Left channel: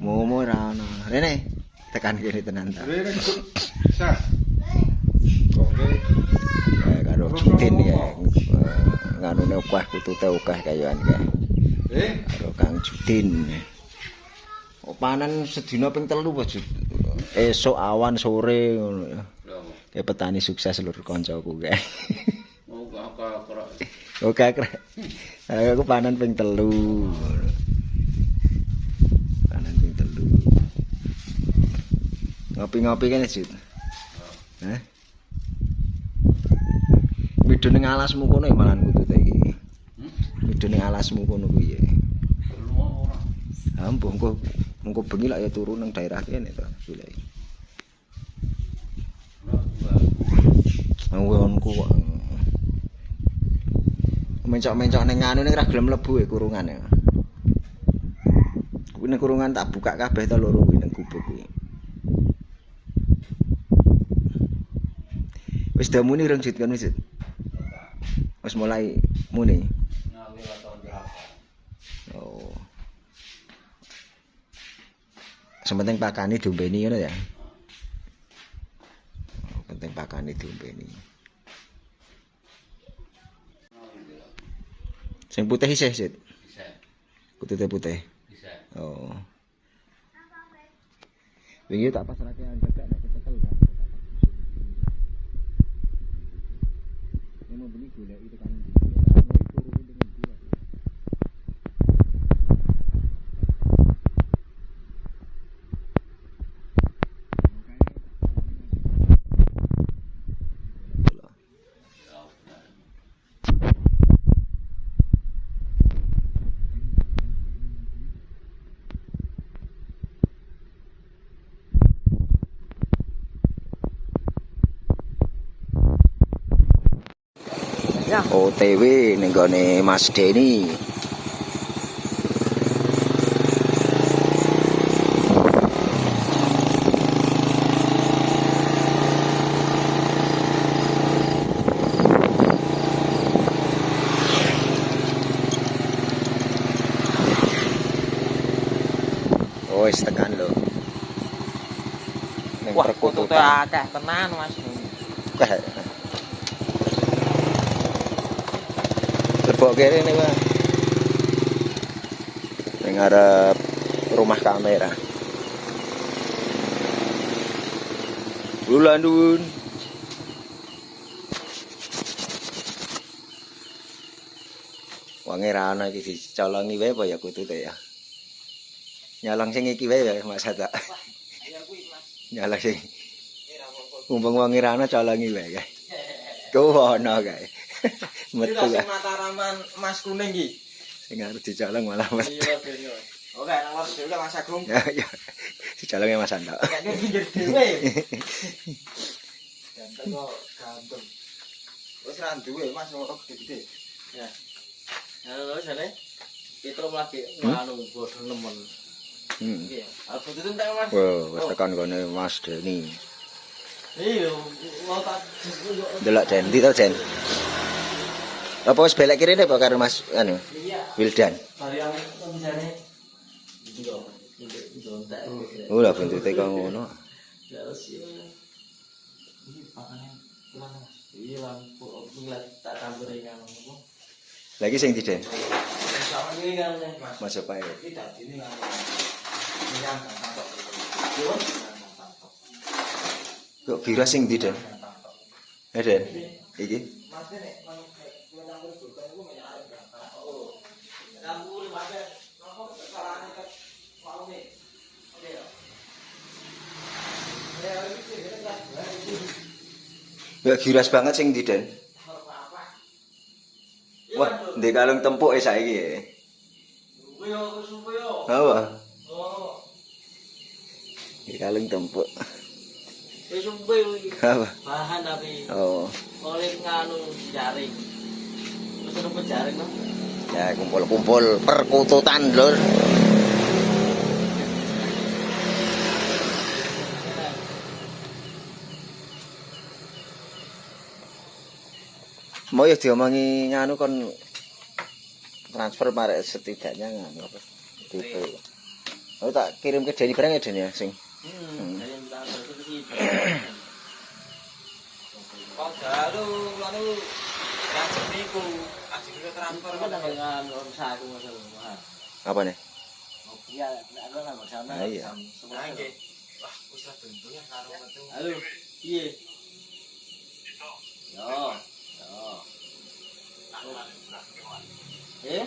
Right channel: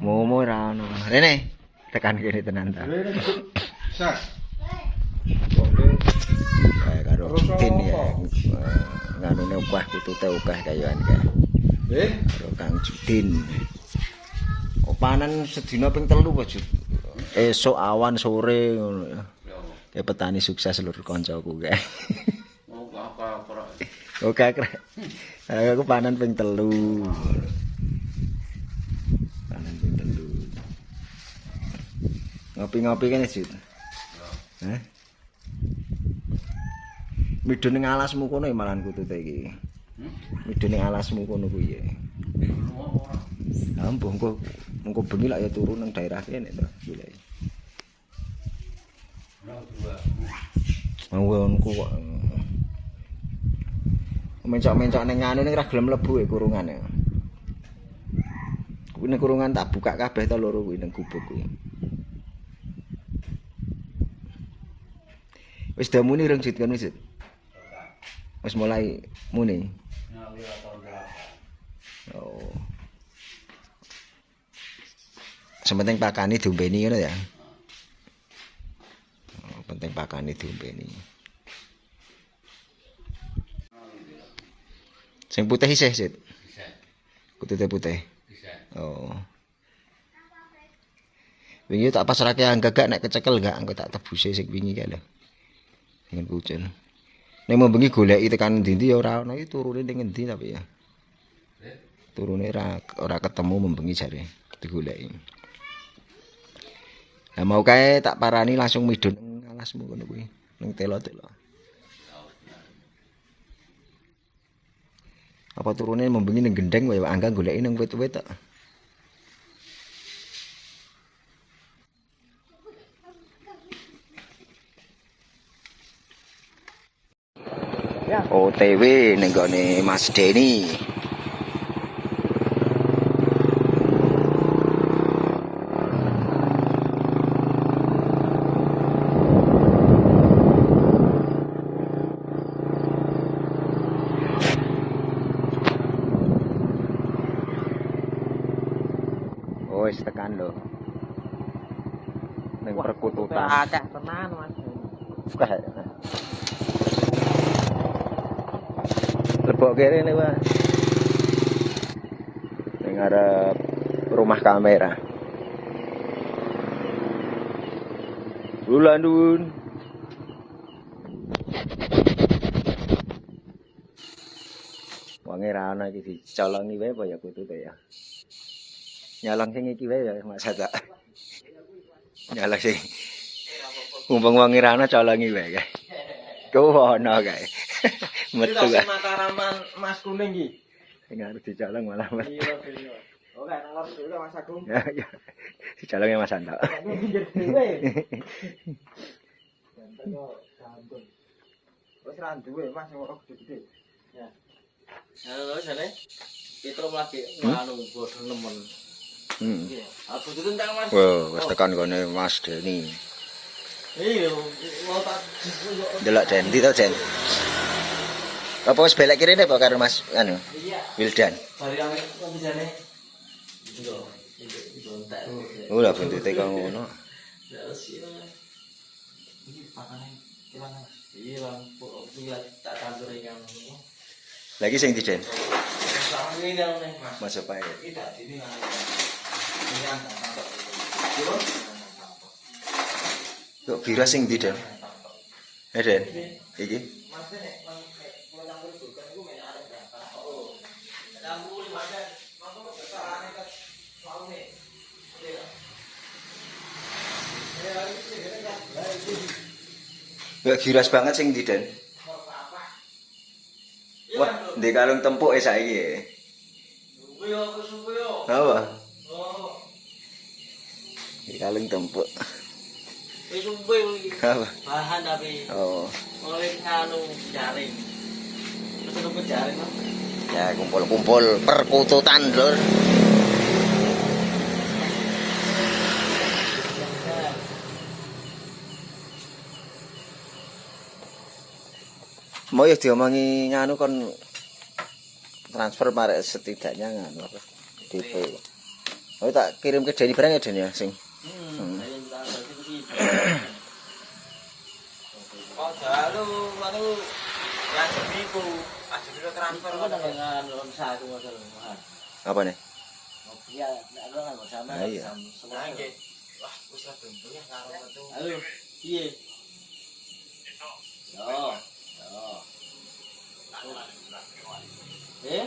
Momo ra ono. Rene tekan kene tenan ta. Sah. Karo Judin ya. Nganune ukah kutute ukah kayuan ka. Karo Kang Judin. Panen sedina ping 3 wae. Esuk awan sore ngono ya. Kayak petani sukses lur kancaku kae. Oh, apa-apa. Oke, aku panen ping 3. Panen ping 3. Ngopi-ngopi kene, Jut. Hah? Midho ning alasmu kono ya malan kutute iki. Midho ning alasmu kono kuwi ya. Ha, mengko bengi lak ya turu nang daerah kene to, golek. Awonku kok. Mencok-mencok ning anu ning ra gelem mlebu e kurungan ya. Kuwi ning kurungan tak buka kabeh to loro kuwi ning gubuk kuwi. Wis dah muni rong Jut kan wis. Wis mulai muni. Oh. Sementing pakani diombeni ngono ya. Oh, penting pakani diombeni. Sing putih isih, Sit. Bisa. Kutute putih. Bisa. Oh. Wingi tak pasrahke anggagak nek kecekel enggak engko tak tebuse sing wingi kae. Dengan hujan. Nek mau bengi goleki tekan ndi ya ora ono iki turune ning endi tapi ya. Turune ora ketemu membengi jare digoleki. Nah mau kae tak parani langsung midun alasmu ngono kuwi. Ning telo-telo. Apa turune membengi ning gendeng wae angga goleki ning wit-wit tok. OTW ning gone Mas Deni. Oh, wis tekan lho. Ning perkututan. Akeh tenan Mas. Lebok kene nih, Pak. Ning arep rumah kamera. Bulandun. Wangi ra ana iki dicolongi wae apa ya kutute ya. Nyolong sing iki wae ya Mas Sata. Nyolong sing mumpung wangi ra ana colongi wae kae. Ku ono kae. Metu kae. Mataraman Mas Kuning iki. Sing arep dicolong malah metu. Iya. Oke, nang lor dhewe Mas Agung. Ya ya. Dicolongi Mas Santa. Kayaknya pinggir dhewe. Ganteng kok ganteng. Wis ra duwe Mas kok gede-gede. Ya. Halo jane. Petro lagi anu bodo nemen. Iya. Aku itu tentang Mas. Wah, wis tekan gone Mas Deni. Iya, mau tak Delok Den, ndi to Den? Apa wis belek kene apa karo Mas anu? iya. Wildan. Bari yang misale iya, itu entek. Oh, lah buntute kok ngono. Ya wis ya. Iki pakane kemana Mas? Iya, lampu ngeliat tak campur yang ngono. Lagi sing di Den. Sama ini yang Mas. Mas apa ya? Iki tak ini kan. Ini kan tak. Yo. Kok bira sing di Den? Den. Iki. Mas nek nang kulo campur bukan iku menyang arep berangkat. Oh. Campur Mas. Ngomong kesalahan ke soalnya. Iya. Ya iki kan Kok giras banget sing di Den. Wah, ndek kalung tempuk saiki ya. Suwe yo, suwe yo. Apa? Oh. Ndek kalung tempuk. Wis suwe iki. Apa? Bahan tapi Oh. mulai nganu jaring. Wis ono jaring to. Ya kumpul-kumpul perkututan lur. Mau ya diomongi nganu kon transfer marek setidaknya nganu apa? DP. Oh tak kirim ke Deni barang ya Den ya sing. Saya minta balik ke sini. Kok jalu anu langsung niku ajeng transfer kok dengan saya aku masalah. Apa nih? Ngopi ya nek ana bersama. Iya. Semua nggih. Wah, wis ra bentuk ya karo metu. Halo. Piye? Yo. Yo. Eh?